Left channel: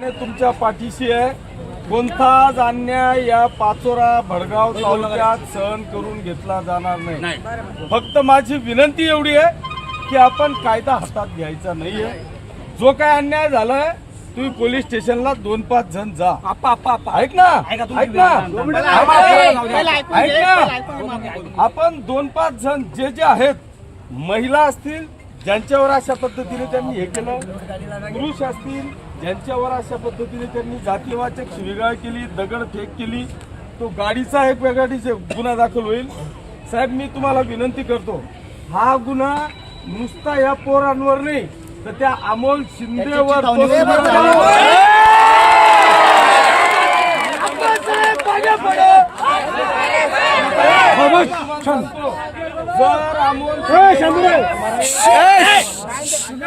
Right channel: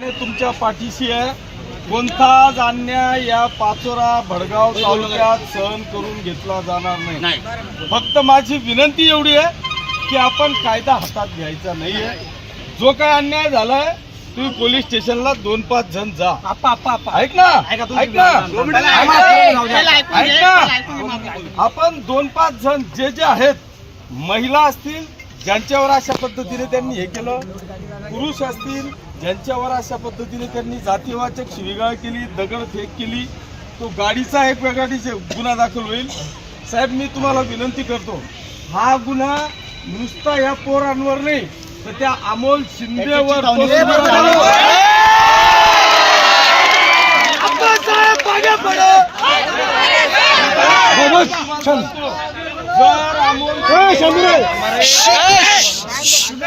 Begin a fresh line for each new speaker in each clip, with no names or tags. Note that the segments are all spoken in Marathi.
तुमच्या पाठीशी आहे. कोणताच अन्याय या पाचोरा भडगाव तालुक्यात सहन करून घेतला जाणार नाही. फक्त माझी विनंती एवढी आहे की आपण कायदा हातात घ्यायचा नाहीये. जो काय अन्याय झालाय तुम्ही पोलीस स्टेशनला दोन पाच जण जा. ऐक ना
ऐका.
ना. ऐक ना. आपण दोन पाच जण जे जे आहेत महिला असतील ज्यांच्यावर अशा पद्धतीने त्यांनी हे केलं पुरुष असतील ज्यांच्यावर अशा पद्धतीने त्यांनी जातीवाचक शिवीगाळ केली दगडफेक केली तो गाडीचा एक वेगळा गुन्हा दाखल होईल. साहेब मी तुम्हाला विनंती करतो हा गुन्हा नुसता या पोरांवर नाही तर त्या अमोल शिंदेवर जर अमोल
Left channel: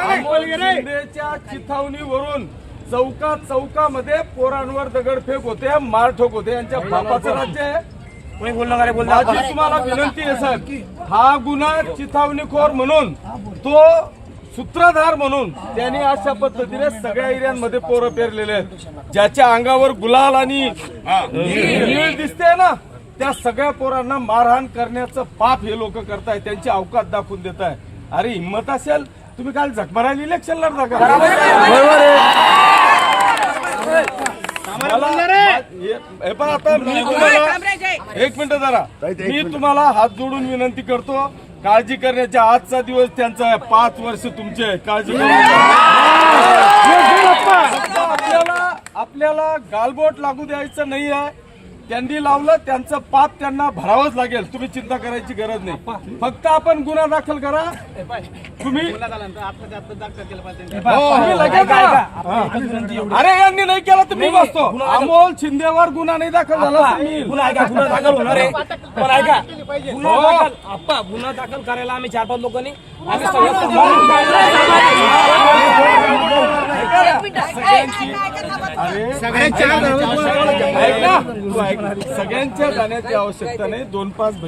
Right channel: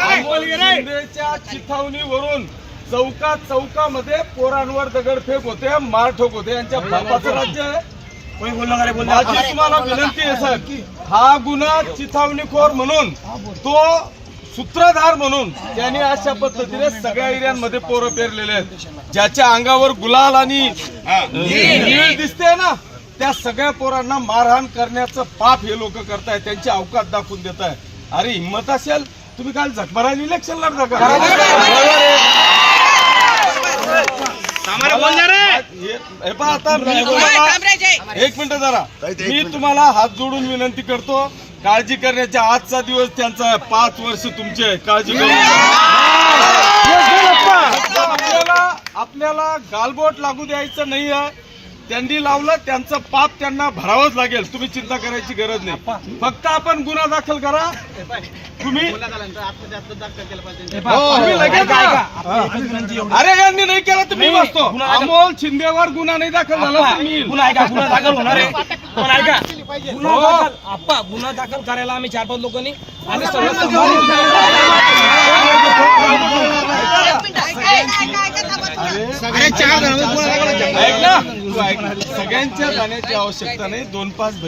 अमोल शिंदेच्या चिथावणीवरून चौका चौकामध्ये पोरांवर दगडफेक होते मारठोक होते. यांच्या बापाचं राज्य आहे. माझी तुम्हाला विनंती आहे साहेब. हा गुन्हा चिथावणीखोर म्हणून तो सूत्रधार म्हणून त्यांनी अशा पद्धतीने सगळ्या एरियांमध्ये पोरं पेरलेले आहेत. ज्याच्या अंगावर गुलाल आणि नीळ दिसते ना त्या सगळ्या पोरांना मारहाण करण्याचं पाप हे लोक करतायत त्यांची अवकात दाखवून देत आहे अरे हिंमत असेल तुम्ही काल झकमारायला इलेक्शन लढता का? मला- हे हे पहा आता मी तुम्हाला एक मिनिट जरा. मी तुम्हाला हात जोडून विनंती करतो काळजी करण्याचा आजचा दिवस त्यांचा आहे पाच वर्ष तुमचे आहे. काळजी करू नका. आपल्याला आपल्याला गालबोट लागू द्यायचं नाही आहे त्यांनी लावलं त्यांचं पाप त्यांना भरावंच लागेल तुम्ही चिंता करायची गरज नाही फक्त आपण गुन्हा दाखल करा तुम्ही तुम्ही लगेच. अरे यांनी नाही केलं तर मी बसतो अमोल शिंदेवर गुन्हा नाही दाखल झाला तर मी येईल.
गुन्हा ऐका गुन्हा दाखल होणार आहे पण ऐका गुन्हा
हो.
दाखल आप्पा गुन्हा दाखल करायला आम्ही चार पाच लोकांनी आम्ही सगळं सांभाळून
अरे ऐक ना तू ऐक. सगळ्यांच्या जाण्याची आवश्यकता नाही दोन पाच